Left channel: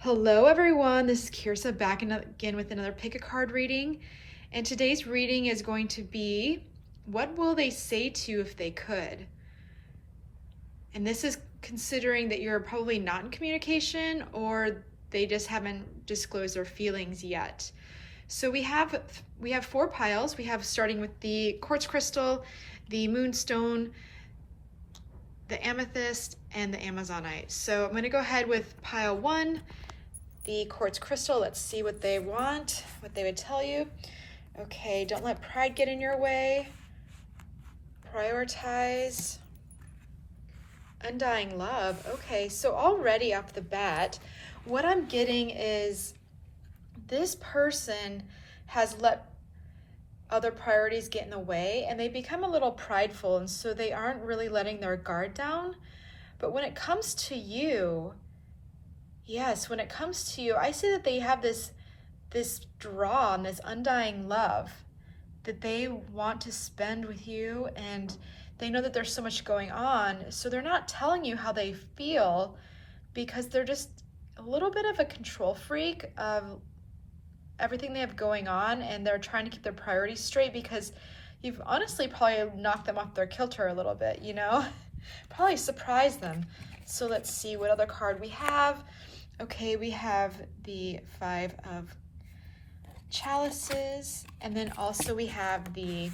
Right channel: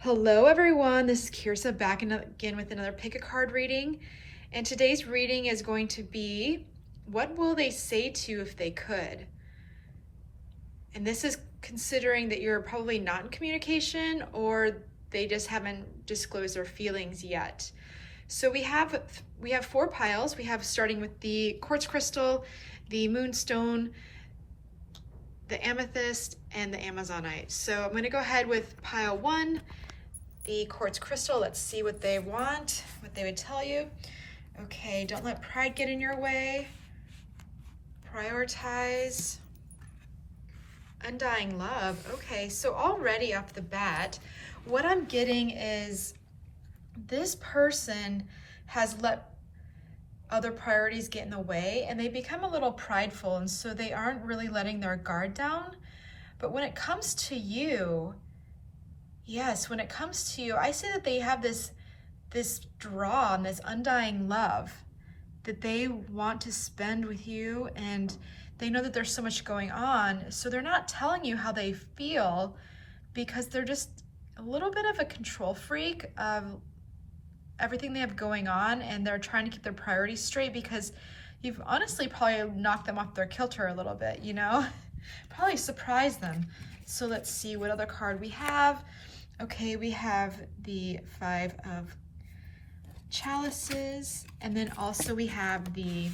Hello everyone, this is Kirsa back again with another pick a card reading. And today's reading is going to be, what will they say to you if they could? And this is considering that you're probably not in communication or they just haven't disclosed their feelings yet. So we have four piles. We have starting with the quartz crystal, the moonstone, the amethyst, and the amazonite. So I'm going to go ahead with pile one, the quartz crystal. Let's see what they want, what they would tell you. Okay, don't let pride get in your way. Prioritize. Undying love. Okay, so already off the bat, what I'm getting is this person has let other priorities get in the way and they become a little prideful, and so they aren't really letting their guard down. But when it comes to you, yes, when it comes to you, I see that they have this draw and this undying love that they want to spend with you, and they know that there's so much going on. So they're not telling you how they feel because they're just a little bit of a control freak of everything they have going on, and they're trying to keep their priorities straight because you've honestly probably knocked them off their kilter a little bit, you know? Probably surprised them. So let's see what other card we have. Okay, we have the Five of Chalices, and then also we have the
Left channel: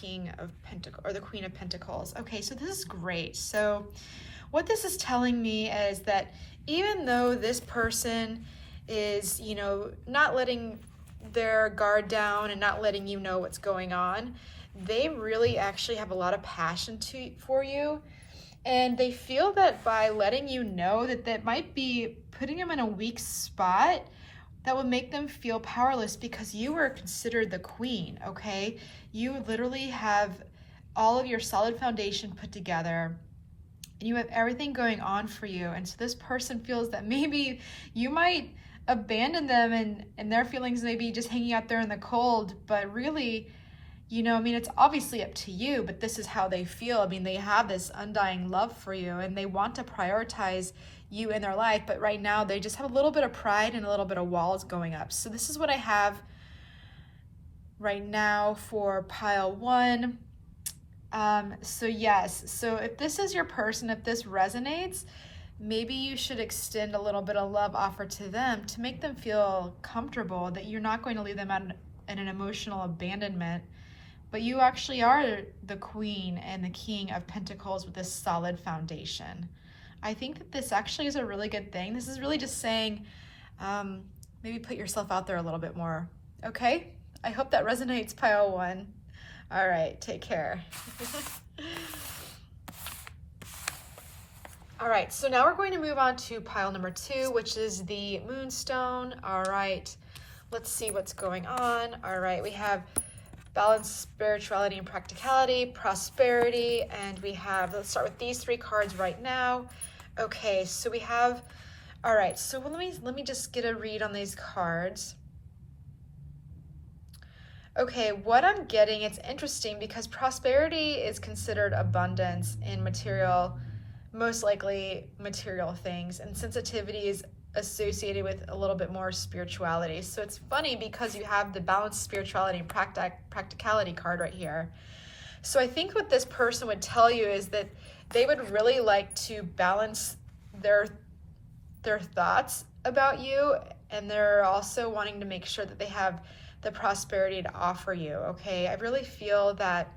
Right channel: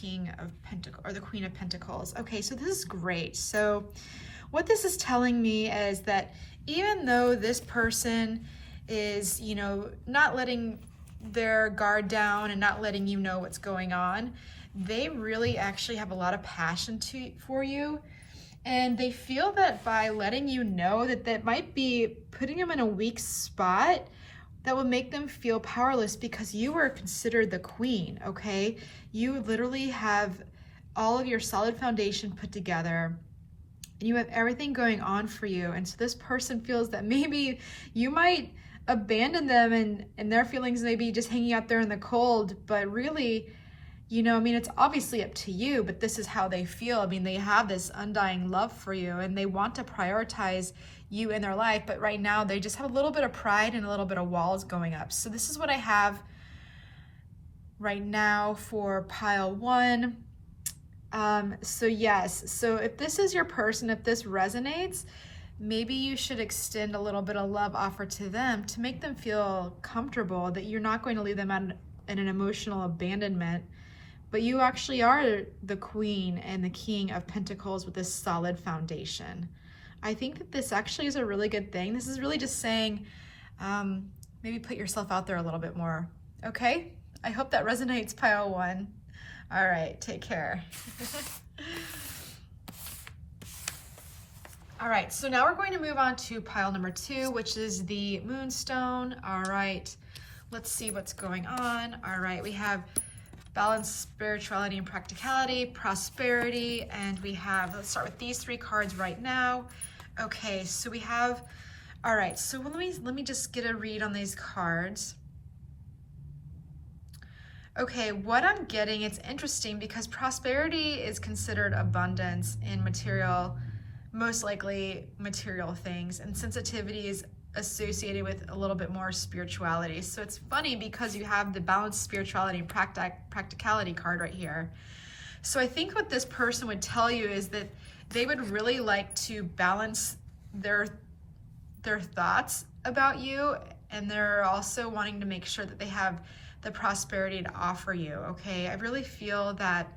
King of Pentacles, or the Queen of Pentacles. Okay, so this is great. So what this is telling me is that even though this person is, you know, not letting their guard down and not letting you know what's going on, they really actually have a lot of passion for you. And they feel that by letting you know that might be putting them in a weak spot, that would make them feel powerless because you are considered the queen, okay? You literally have all of your solid foundation put together and you have everything going on for you. And so this person feels that maybe you might abandon them and their feelings maybe just hanging out there in the cold, but really, you know, I mean, it's obviously up to you, but this is how they feel. I mean, they have this undying love for you and they want to prioritize you in their life, but right now they just have a little bit of pride and a little bit of walls going up. So this is what I have right now for pile one. So yes, so if this is your person, if this resonates, maybe you should extend a little bit of love offer to them to make them feel comfortable that you're not going to leave them in an emotional abandonment, but you actually are the Queen and the King of Pentacles with this solid foundation. I think that this actually is a really good thing. This is really just saying, maybe put yourself out there a little bit more, okay? I hope that resonates, pile one. All right, take care. All right, so now we're going to move on to pile number two, which is the Moonstone. All right, let's see what's going on. All right, we have balance, spirituality, and practicality, prosperity, and we have, let's start with these three cards right now. Okay, so we have, all right, so let me just get a read on these cards. Okay, what I'm getting, it's interesting because prosperity is considered abundance in material, most likely material things, and sensitivity is associated with a little bit more spirituality. So it's funny because you have the balanced spirituality and practicality card right here. So I think what this person would tell you is that they would really like to balance their thoughts about you, and they're also wanting to make sure that they have the prosperity to offer you, okay? I really feel that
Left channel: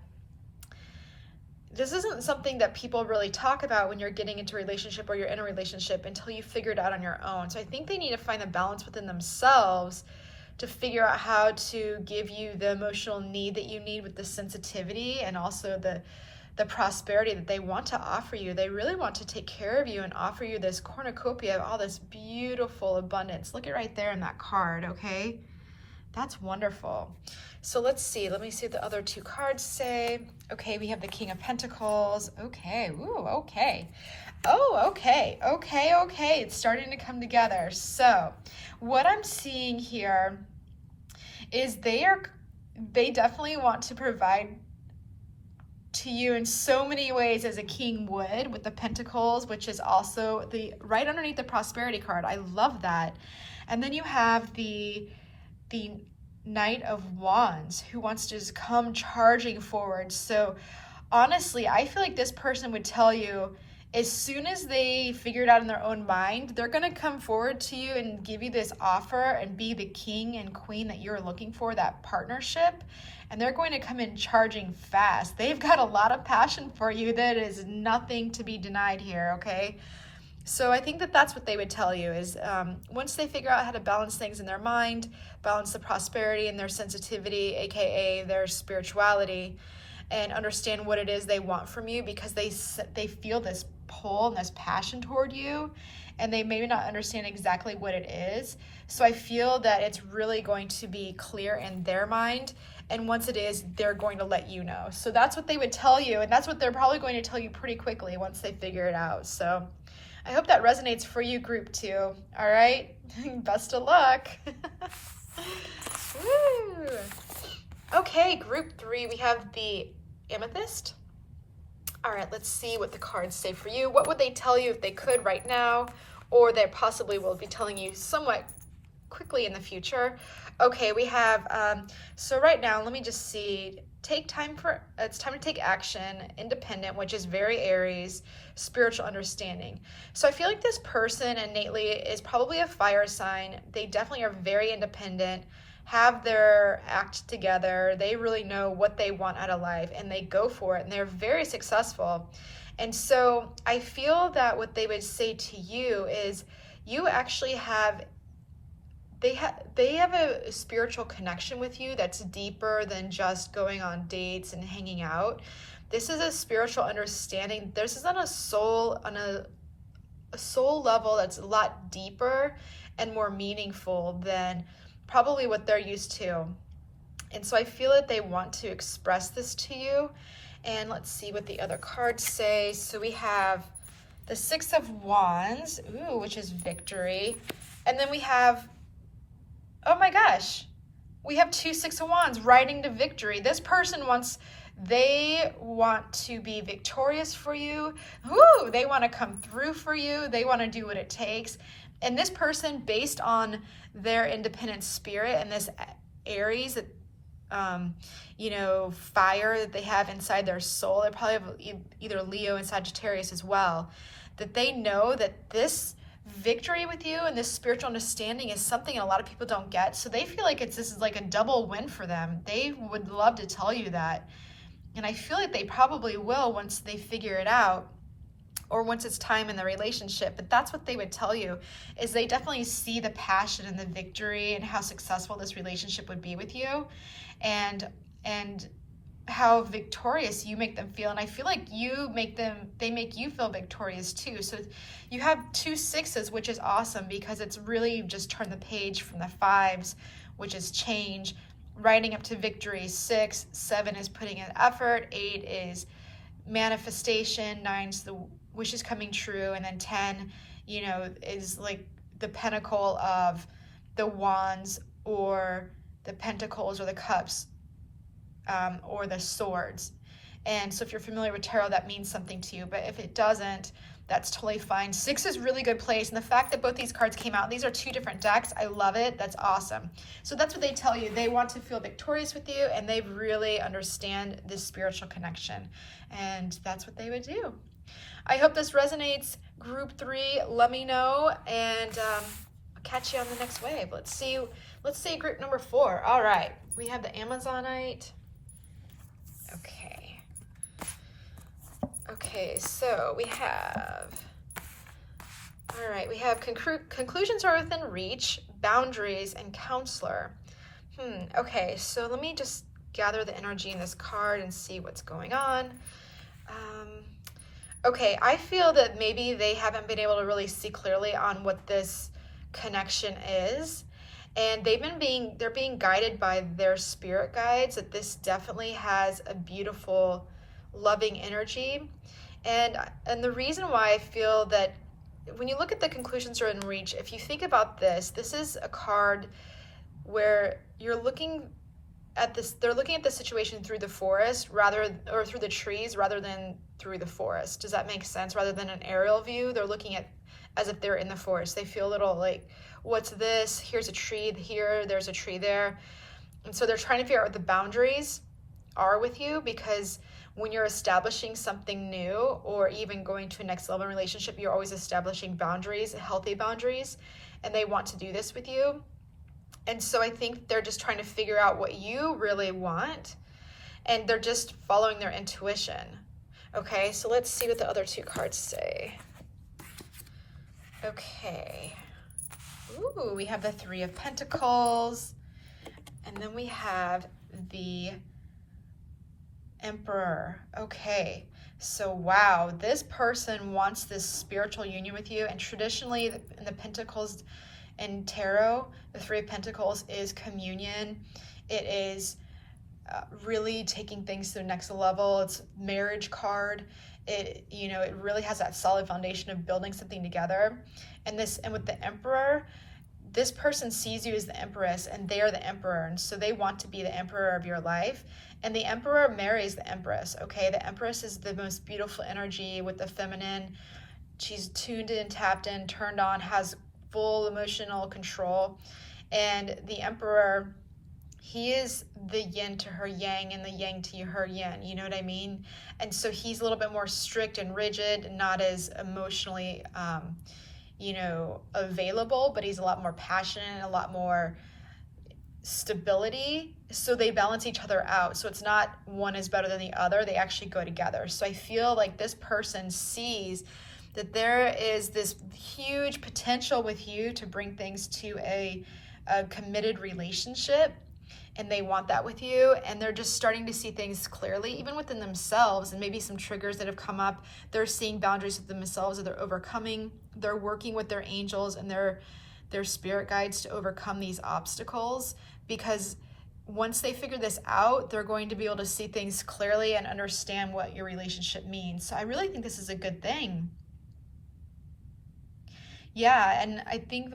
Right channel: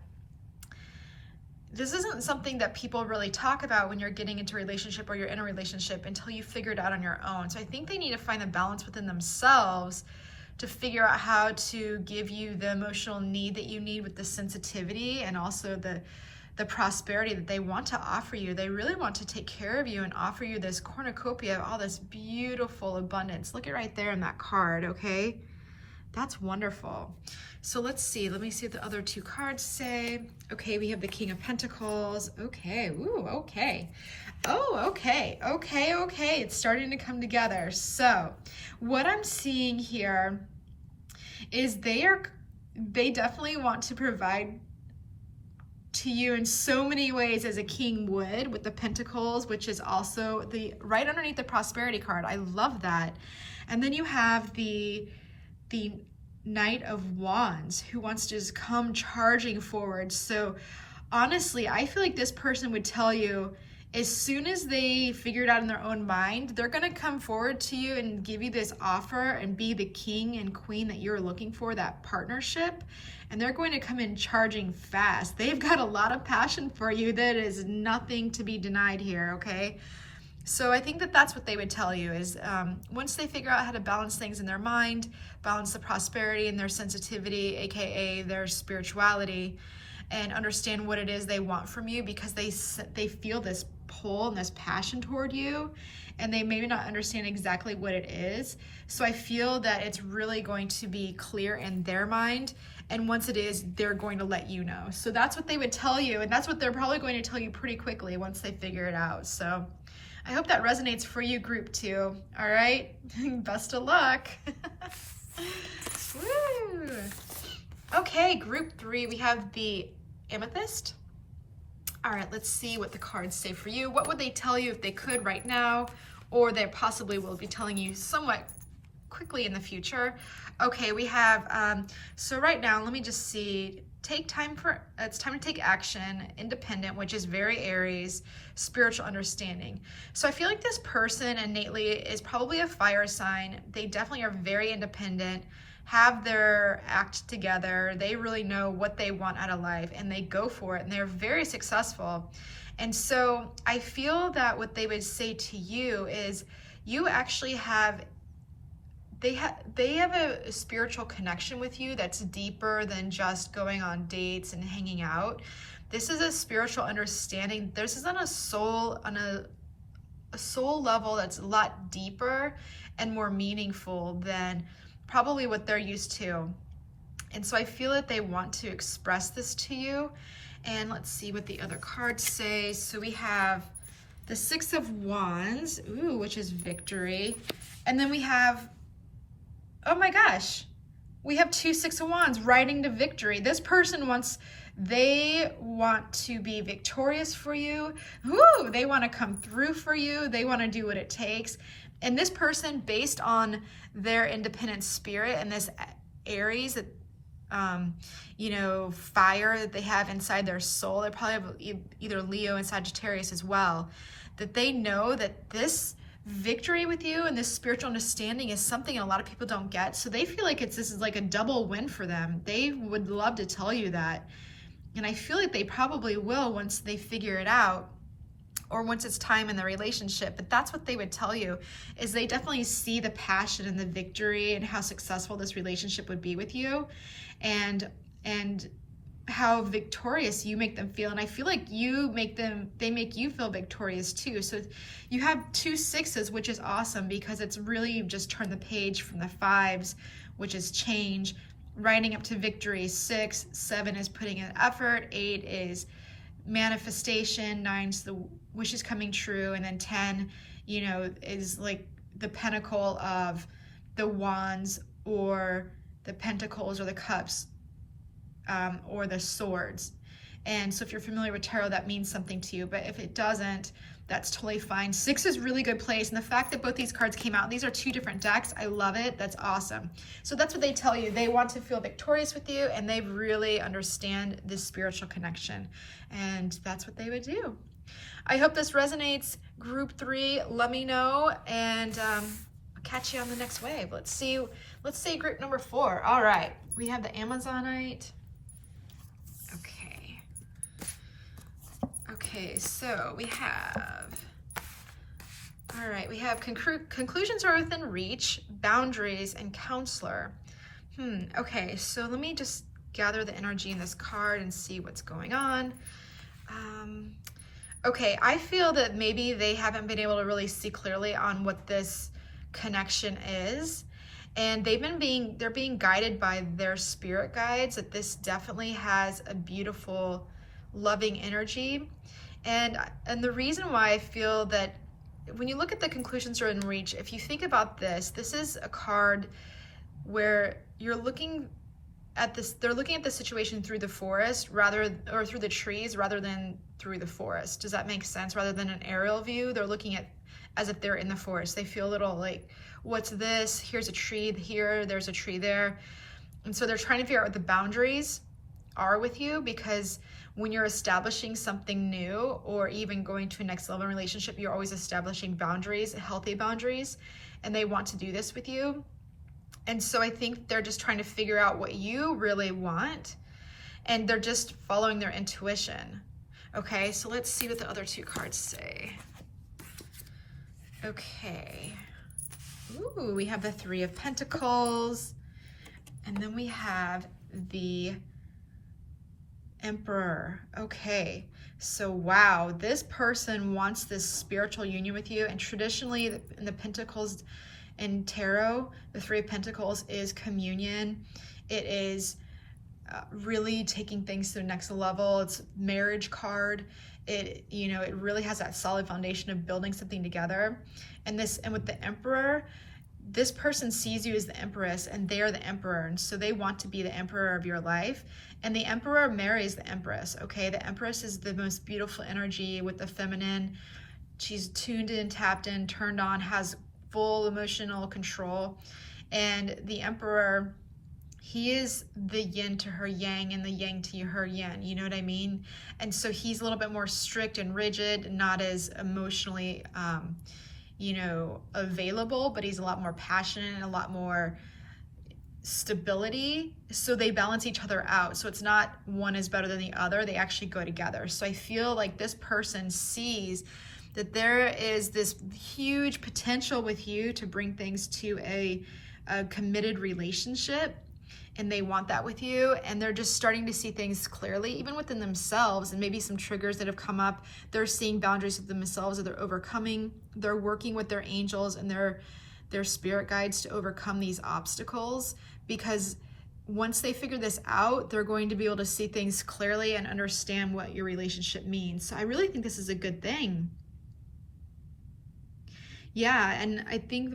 this isn't something that people really talk about when you're getting into a relationship or you're in a relationship until you figure it out on your own. So I think they need to find a balance within themselves to figure out how to give you the emotional need that you need with the sensitivity and also the prosperity that they want to offer you. They really want to take care of you and offer you this cornucopia of all this beautiful abundance. Look at right there in that card, okay? That's wonderful. So let's see, let me see what the other two cards say. Okay, we have the King of Pentacles. Okay, ooh, okay. Oh, okay, okay, okay. It's starting to come together. So what I'm seeing here is they definitely want to provide to you in so many ways as a king would, with the pentacles, which is also the right underneath the prosperity card. I love that. And then you have the Knight of Wands, who wants to just come charging forward. So honestly, I feel like this person would tell you, as soon as they figure it out in their own mind, they're going to come forward to you and give you this offer and be the king and queen that you're looking for, that partnership. And they're going to come in charging fast. They've got a lot of passion for you. That is nothing to be denied here, okay? So I think that that's what they would tell you is once they figure out how to balance things in their mind, balance the prosperity and their sensitivity, aka their spirituality, and understand what it is they want from you, because they feel this pull and this passion toward you, and they maybe not understand exactly what it is. So I feel that it's really going to be clear in their mind, and once it is, they're going to let you know. So that's what they would tell you, and that's what they're probably going to tell you pretty quickly once they figure it out. So I hope that resonates for you, group 2. All right, best of luck. Woo. Okay, group 3, we have the Amethyst. All right, let's see what the cards say for you. What would they tell you if they could right now, or they possibly will be telling you somewhat quickly in the future? Okay, we have, so right now, let me just see, it's time to take action, independent, which is very Aries, spiritual understanding. So I feel like this person innately is probably a fire sign. They definitely are very independent, have their act together. They really know what they want out of life, and they go for it, and they're very successful. And so I feel that what they would say to you is you actually have, they have a spiritual connection with you that's deeper than just going on dates and hanging out. This is a spiritual understanding. This is on a soul level that's a lot deeper and more meaningful than probably what they're used to. And so I feel that they want to express this to you. And let's see what the other cards say. So we have the 6 of Wands, ooh, which is victory. And then we have, oh my gosh, we have 2 6 of Wands riding to victory. This person they want to be victorious for you. Ooh, they want to come through for you. They want to do what it takes. And this person, based on their independent spirit and this Aries, you know, fire that they have inside their soul, they probably have either Leo and Sagittarius as well, that they know that this victory with you and this spiritual understanding is something a lot of people don't get. So they feel like this is like a double win for them. They would love to tell you that. And I feel like they probably will once they figure it out, or once it's time in the relationship. But that's what they would tell you, is they definitely see the passion and the victory and how successful this relationship would be with you, and how victorious you make them feel. And I feel like they make you feel victorious too. So you have 2 6s, which is awesome, because it's really just turned the page from the 5s, which is change, riding up to victory. 6, 7 is putting in effort, 8 is manifestation, 9's the wishes coming true, and then 10, you know, is like the pinnacle of the wands or the pentacles or the cups, or the swords. And so if you're familiar with tarot, that means something to you, but if it doesn't, that's totally fine. 6 is really good place, and the fact that both these cards came out, these are 2 different decks, I love it. That's awesome. So that's what they tell you. They want to feel victorious with you, and they really understand this spiritual connection, and that's what they would do. I hope this resonates, group 3. Let me know, and I'll catch you on the next wave. Let's see group number 4. All right, we have the Amazonite. Okay, so we have, all right, we have conclusions are within reach, boundaries, and counselor. Okay, so let me just gather the energy in this card and see what's going on. Okay, I feel that maybe they haven't been able to really see clearly on what this connection is, and they're being guided by their spirit guides, that this definitely has a beautiful, loving energy. And the reason why I feel that when you look at the conclusions are in reach, if you think about this is a card where you're looking they're looking at the situation through the forest or through the trees rather than through the forest. Does that make sense? Rather than an aerial view, they're looking at as if they're in the forest. They feel a little like, what's this? Here's a tree here, there's a tree there. And so they're trying to figure out what the boundaries are with you, because when you're establishing something new or even going to a next level relationship, you're always establishing boundaries, healthy boundaries, and they want to do this with you. And so I think they're just trying to figure out what you really want, and they're just following their intuition. Okay, so let's see what the other two cards say. Okay. Ooh, we have the Three of Pentacles, and then we have the Emperor. Okay, so wow, this person wants this spiritual union with you, and traditionally in the Pentacles in Tarot, the Three of Pentacles is communion. It is really taking things to the next level. It's marriage card. It, you know, it really has that solid foundation of building something together. And with the Emperor, this person sees you as the Empress and they are the Emperor. And so they want to be the Emperor of your life. And the Emperor marries the Empress, okay? The Empress is the most beautiful energy with the feminine. She's tuned in, tapped in, turned on, has full emotional control. And the Emperor, he is the yin to her yang and the yang to her yin, you know what I mean? And so he's a little bit more strict and rigid, not as emotionally, you know, available, but he's a lot more passionate and a lot more stability. So they balance each other out. So it's not one is better than the other. They actually go together. So I feel like this person sees that there is this huge potential with you to bring things to a committed relationship, and they want that with you, and they're just starting to see things clearly, even within themselves, and maybe some triggers that have come up. They're seeing boundaries with themselves that they're overcoming. They're working with their angels and their spirit guides to overcome these obstacles, because once they figure this out, they're going to be able to see things clearly and understand what your relationship means. So I really think this is a good thing. Yeah, and I think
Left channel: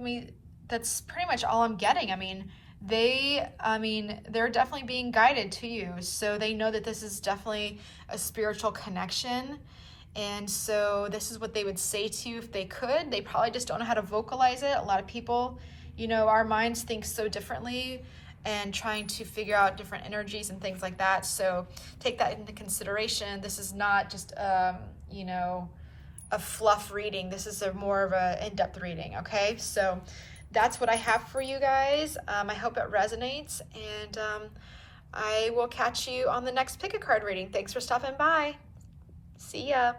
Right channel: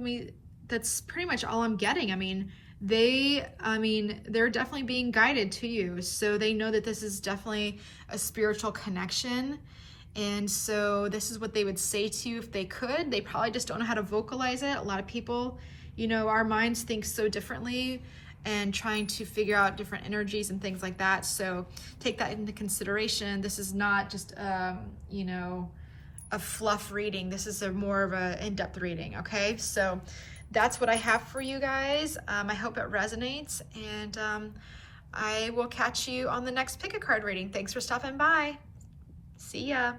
that's pretty much all I'm getting. I mean, they're definitely being guided to you. So they know that this is definitely a spiritual connection. And so this is what they would say to you if they could. They probably just don't know how to vocalize it. A lot of people, you know, our minds think so differently and trying to figure out different energies and things like that. So take that into consideration. This is not just, you know, a fluff reading. This is more of a in-depth reading, okay? So that's what I have for you guys. I hope it resonates, and I will catch you on the next pick a card reading. Thanks for stopping by. See ya.